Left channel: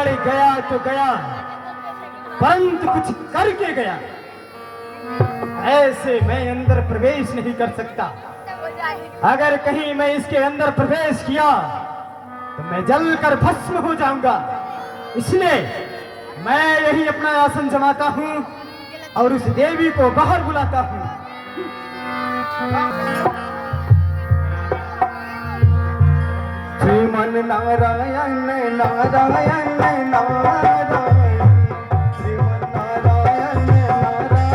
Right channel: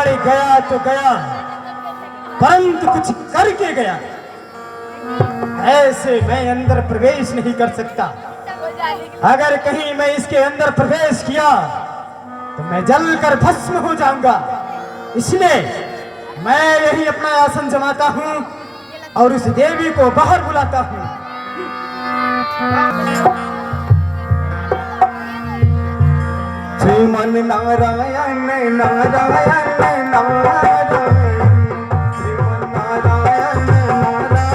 रावण गया तो गया, परंतु कुछ करके गया। ऐसे मैं अंदर प्रवेश नहीं कर सकता। अगर कहीं मैं इसके अंदर प्रवेश किया तो मैं जलकर भस्म हो जाऊंगा। इसलिए मैं यही अपना आसन जमाता हूं और उस देवी को बाहर बुलाता हूं। श्रीमन नारायण नारायण नारायण, श्रीमन नारायण नारायण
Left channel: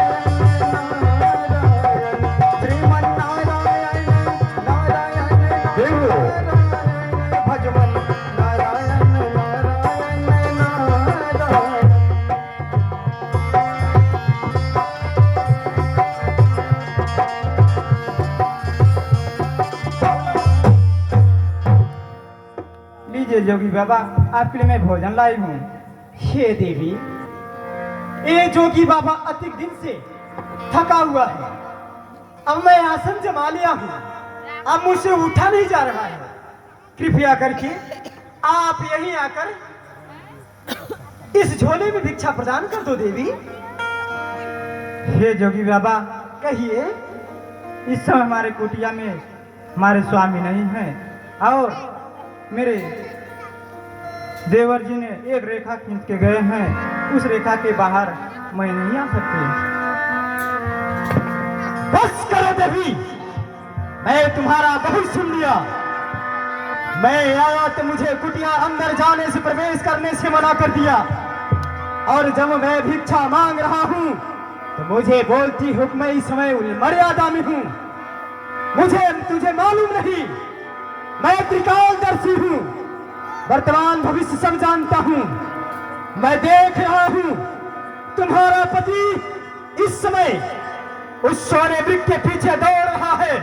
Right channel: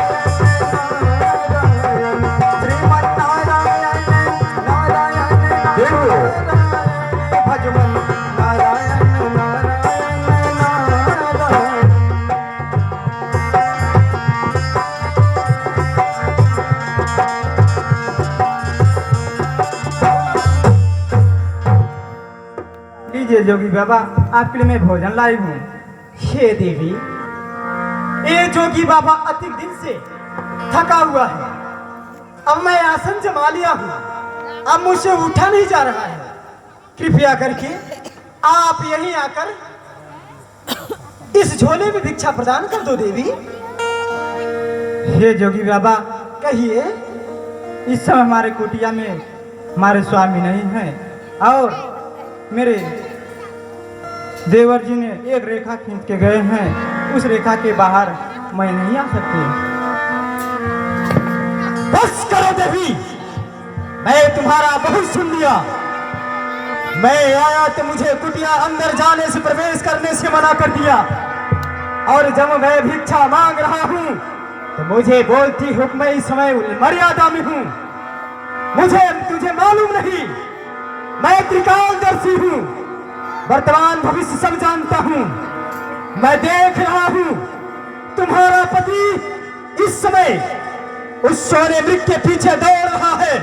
नारायण, श्रीमन नारायण नारायण नारायण, भजमन नारायण नारायण नारायण। लीजिए जोगी बाबा, आपके लिए मैं भोजन लाई हूँ। हे देवी, ये जोगी बाबा अधिक दिन से थका हुआ है। अब मैं आसन जमा लिया हूँ, अब मुझसे उठा नहीं जा रहा है। कृपया करके आप यहीं आकर इस झोले में भिक्षा प्रदान कर दो देवी। हे जोगी बाबा, कहिए। इस समय हमारे कुटिया में हमारे स्वामी नहीं हैं और मेरे देवर जी ने एक रेखा खींच के गए हैं। उस रेखा के बाहर मैं नहीं आ सकती। बस करो देवी, मैं तुम्हारा बहुत सुन लिया। मैं आया तो मुझे कुटिया अंदर जाने से, प्रवेश करने से मना कर दिया, और जब मैं भिक्षा मांग रहा हूँ तो मुझे बोलती हूँ मैं इस समय मर्यादा में हूँ। तुझे मालूम नहीं, मैं त्रिकालदर्शी हूँ, वर्तमान भविष्य सब जानता हूँ। मैं देख रहा हूँ तुम्हारा पति इस समय उस सोने मृग के पीछे दौड़ रहा है,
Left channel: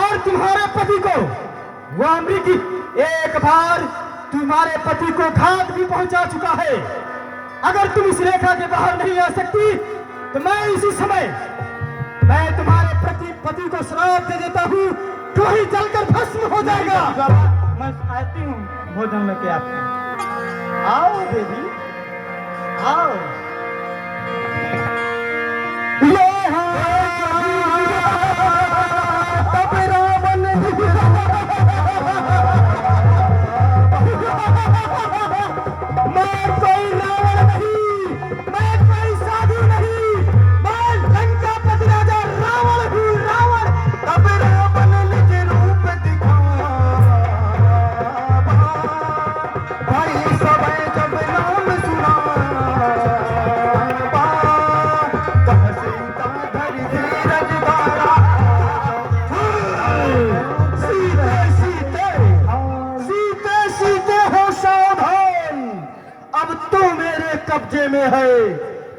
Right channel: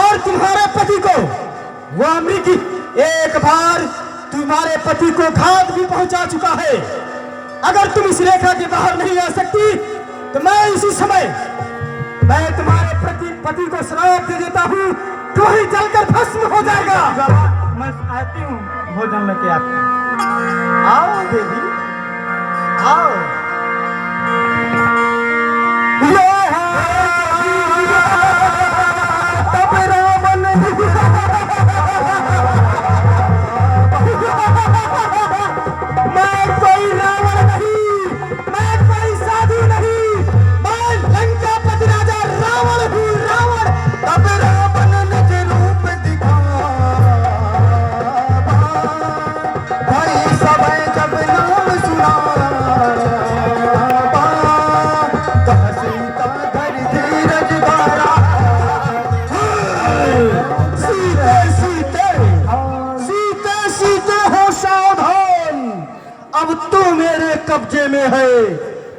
और तुम्हारे पति को वह मृग एक बार तुम्हारे पति को घात भी पहुंचा चुका है। अगर तुम इस रेखा के बाहर नहीं आ सकती तो मैं इसी समय तुम्हारे पति को श्राप दे देता हूँ, तो ही जलकर भस्म हो जाएगा। मैं आती हूँ भोजन लेके आपके। आओ देवी, आओ। मैं कोई रावण नहीं, मैं कोई साधु नहीं, मैं लंकापति राजा रावण हूँ। रावण तब रावण निज रूप दिखा, भाई सब जब नाम सुना, कह सीता धरि धीरज धारा। सीते सीते सीते सीते हो सावधान, अब तो मेरे कब्जे में है।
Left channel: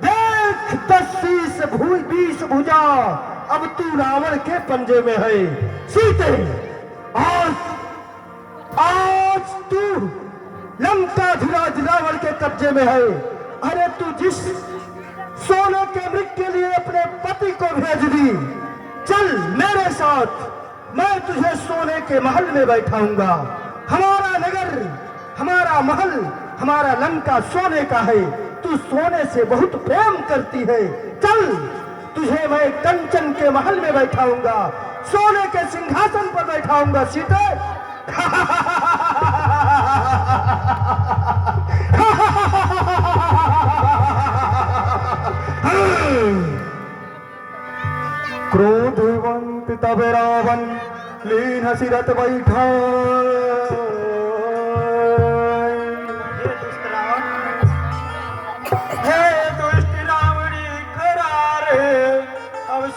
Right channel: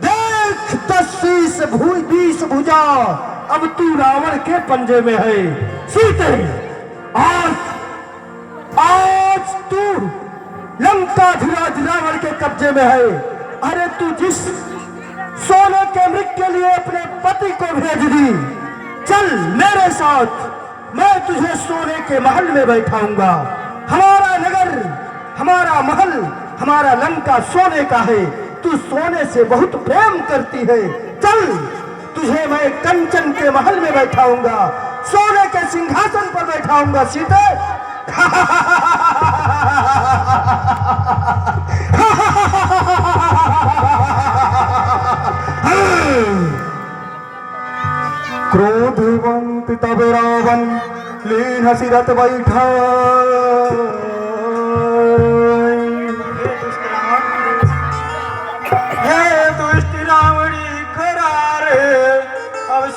देख 10-20 भुजा, अब तू रावण के पंजे में है। सीते, आज तू लंकाधिराज रावण के कब्जे में है। अरे तू जिस सोने के मृग के लिए अपने पति को भेज दी, चल मेरे साथ, मैं तुझे सोने के महल में बैठाऊंगा। हमारा नगर, हमारा महल, हमारा लंका सोने का है। तू सोने से बहुत प्रेम करती है, चल तुझे मैं कंचन के महल में बैठाऊंगा, सोने के सिंहासन पर बैठाऊंगा। सीते क्रोधवंत तब रावण लीन सिरत बैठा।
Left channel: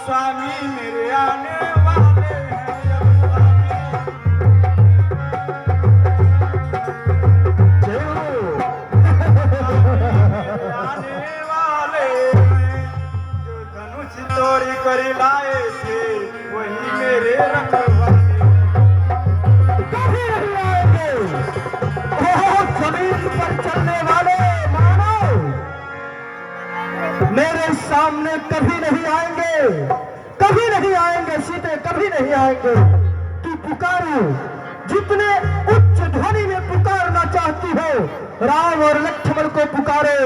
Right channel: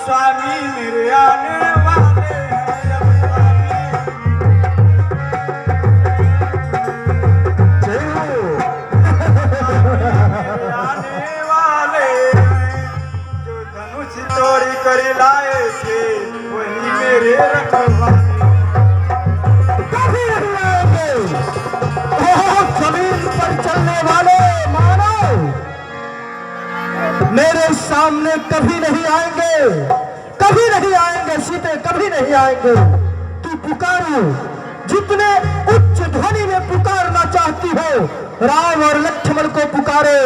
स्वामी मेरे आने वाले आने वाले, जो धनुष तोड़ी कर लाए थे वही मेरे रखवाले। कभी नहीं आएंगे जमीन पर चलने वाले मानव, मेरे सामने कभी नहीं आएंगे, कभी नहीं आएंगे। सीते कभी नहीं आएंगे। तू पुकारो, जितने उच्च ध्वनि में पुकारना चाहती हो राम और लक्ष्मण को पुकारे,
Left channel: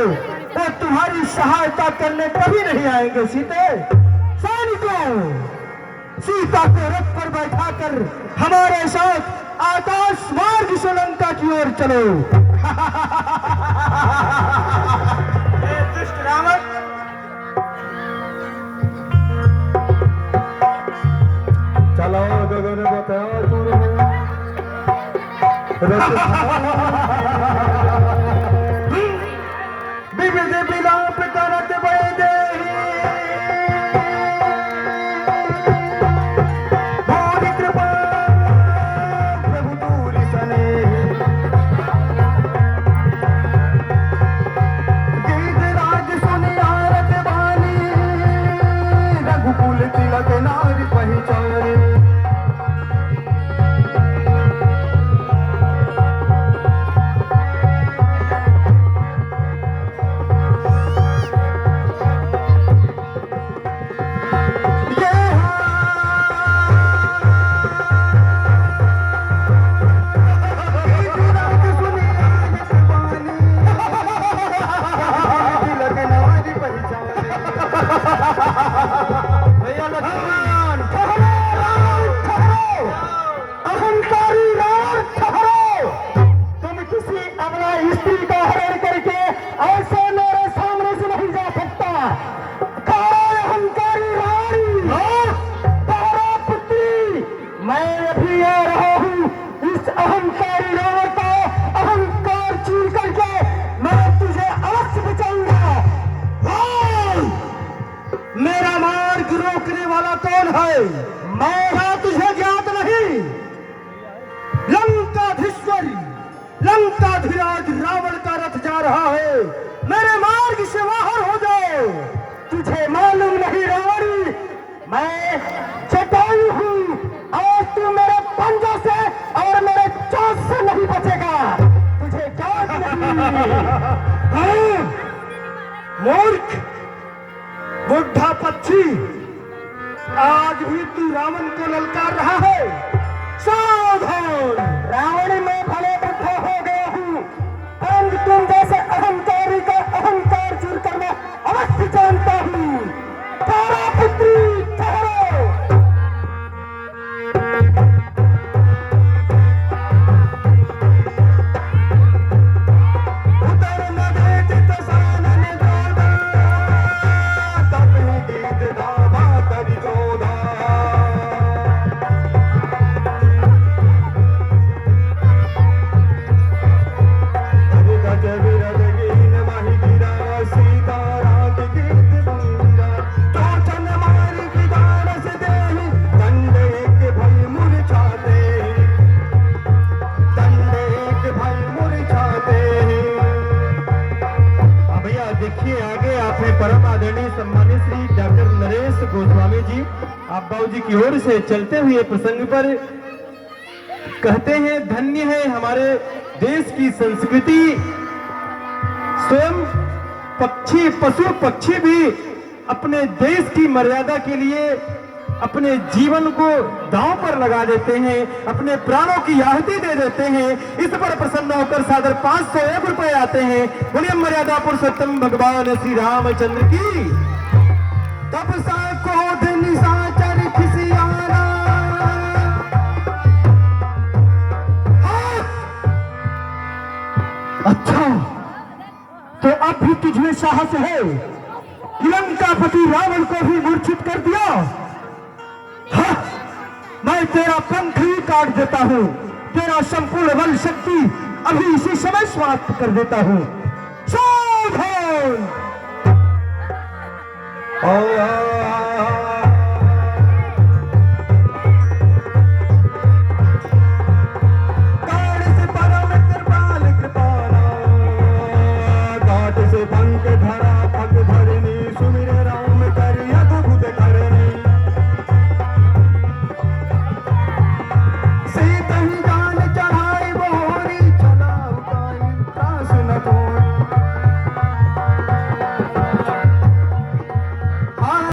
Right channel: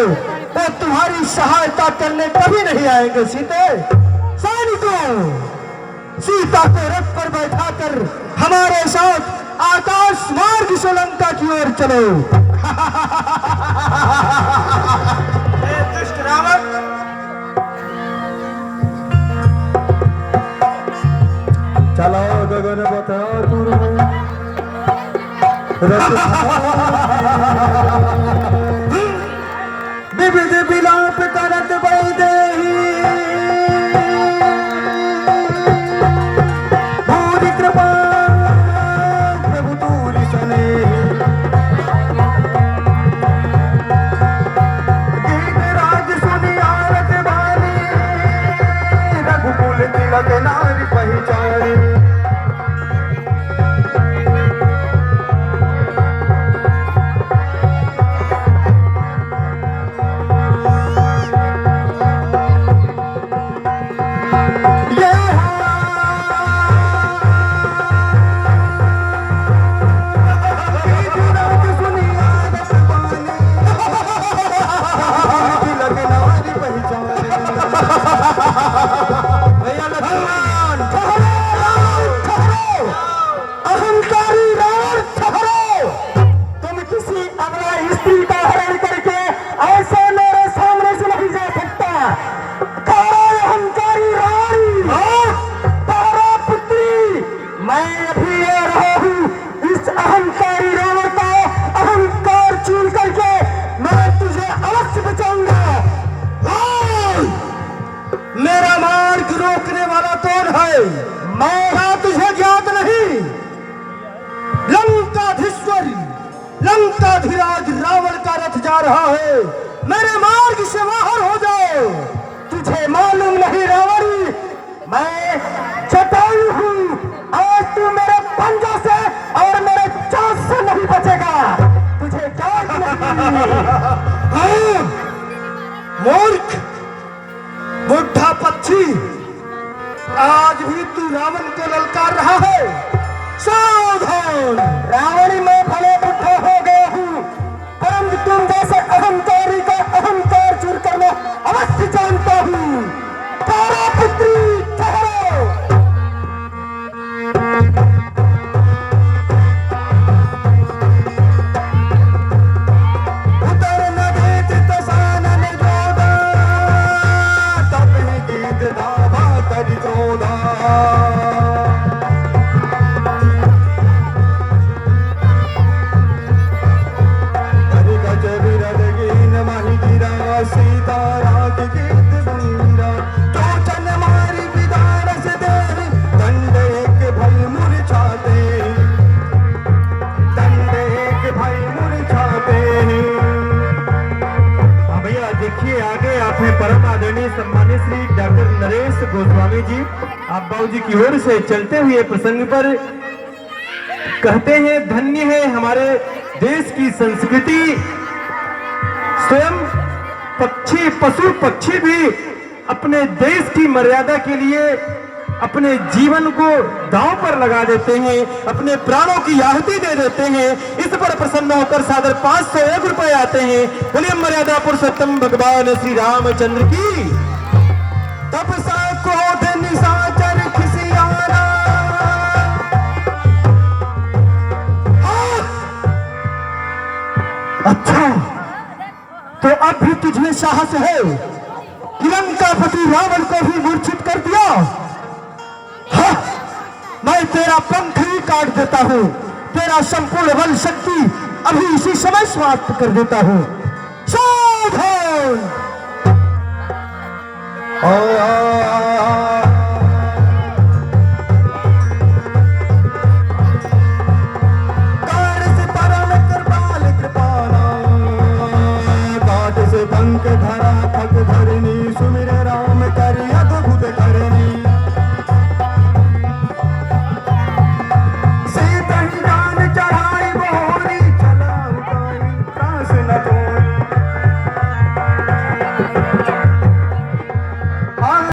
वो तुम्हारी सहायता करने कभी नहीं आएंगे। सीते, सैनिकों, सीता को रथ पर बैठाकर हमारे साथ आकाश मार्ग से लंका की ओर चलो। दुष्ट रावण, चला गगन बता विविध विलाप करत वैदेही, भूरि कृपा प्रभु तूरि सनेही। गीत राज सुनि आरत वाणी, रघुकुल तिलक नारि पहिचारी। मेरा मार्ग रोकने वाला कौन है? मैं तुझे ज्ञात नहीं? लंकाधीश्वर, लंकाधिराज रावण का रथ जा रहा है, मेरे मार्ग से बाहर हो जाओ। तुझे मालूम नहीं रावणी, मैं जटायु हूँ, आज तू मेरे पंजों से और मेरे चांस से नहीं बचेगा। तुझे ज्ञात नहीं? मूर्ख, बुढ़ा पक्षी, आज भी तू रावण को ललकार रहा है। सावधान! रावण में भले बुढ़ा हो गया हूँ, परंतु तुम जैसे अहंकारी का अहंकार चूर करना अवश्य जानता हूँ। तारा पुत्री ठहरो। उतर न देत तसानन गोदा, तब ही गीत धावा करि क्रोधा। हरि गज विरद गिन माहि गिरा, सीता रात गीत बंदा। चोचन मारि विदारस देहि, दंड एक भय मूर्छाते, दंड एक भय मूर्छाते। भैया देखिए आगे आपने परम आदरणीय सम्मानित श्री डॉक्टर नरेश गोस्वामी जी आप बाबू जी की ओर से चलते हुए प्रसंग पर कहते हैं, धन्य है हमारे देश की संस्कृति। स्वयं पक्षी, पशु पक्षी भी अपने देश की मर्यादा के लिए अपने जीवन को दांव पर लगा देते हैं, अपने प्राणों की आहुति दे देते हैं। इस पर प्रसन्न होकर सादर 501 रुपए आते हैं। बोलिए मर्यादा पुरुषोत्तम भगवान श्री रामचंद्र की। तब सा क्रोध निशाचर खिसियाना, अच्छा तो अब भी तुझमें साहस है कि लंकापति रावण को भी मूर्छित कर दिया? हाँ, मैं तेरा पंख ही काट देता हूँ, तेरा संपूर्ण बल शक्ति अभी इसी समय समाप्त कर देता हूँ। सावधान!